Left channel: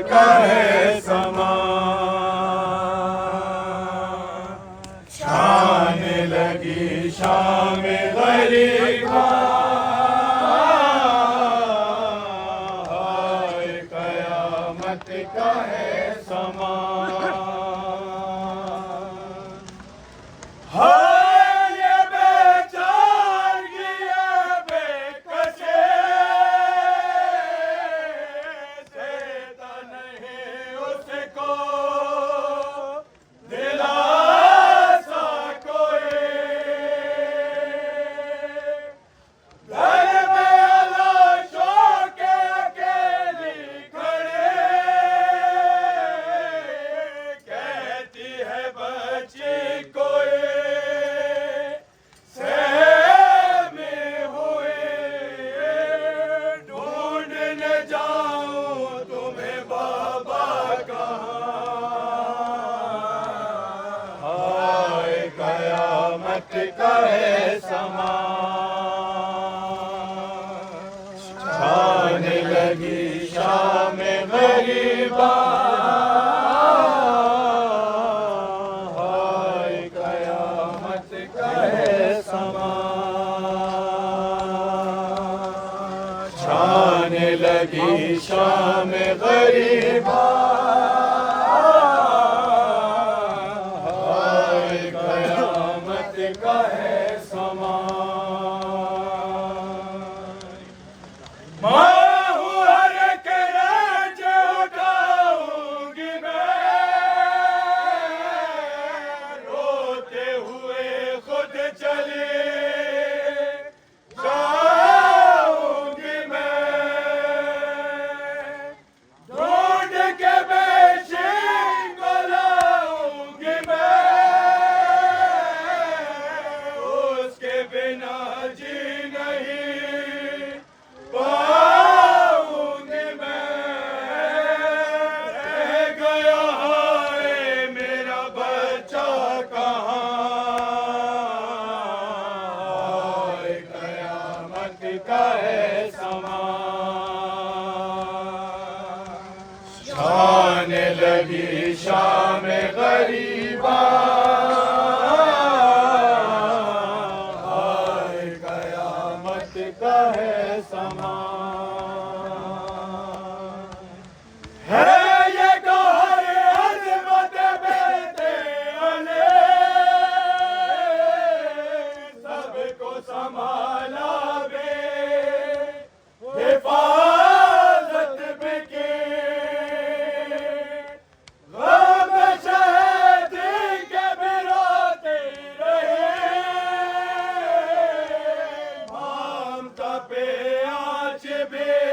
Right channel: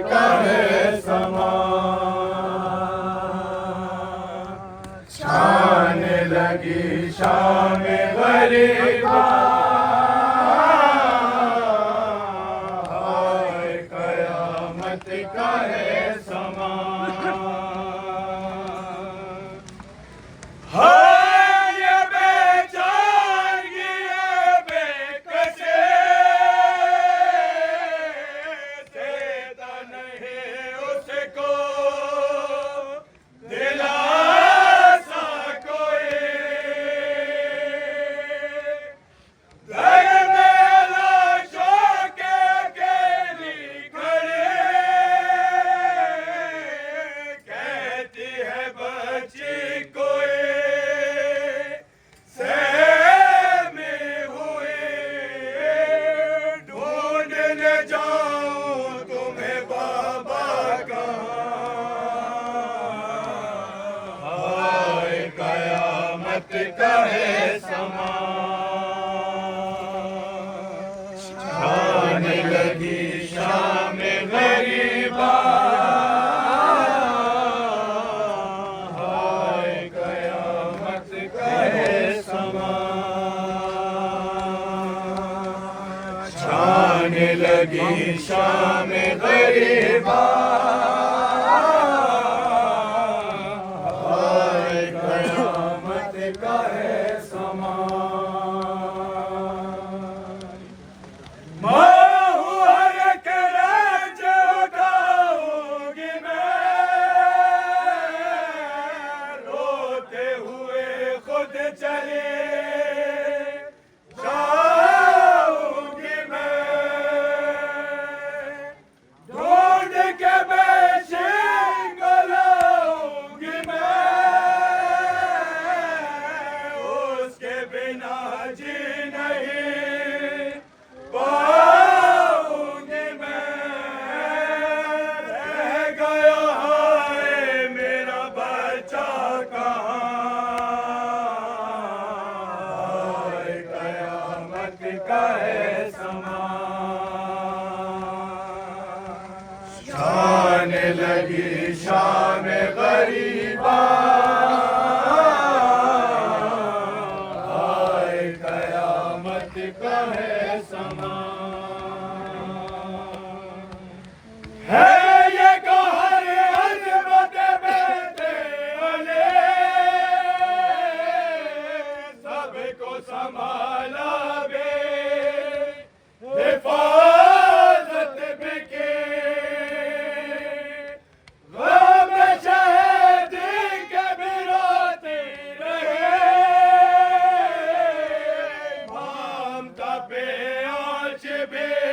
का है समा। शान लगी शाम गरीबा, हाय कयामत का है समा। का है समा। शान लगी शाम गरीबा, हाय कयामत का है समा। शान लगी शाम गरीबा, का है समा। मैं हूँ हर के राज्य उठाऊंगी मैं, रोते हुए खुद चले जाऊंगी मैं। ढूंढ के बेचे लाऊंगी मैं, बिना जी नहीं पाऊंगी मैं। रह गया है मेरा बच्चा कहाँ, कयामत का है समा। शान लगी शाम गरीबा, का है समा। है ये कहर अज़मत बेटे अले, सबको संभाला बे हिफाजत में के। गम शहीद के भी रोते रहे, पे आँच बे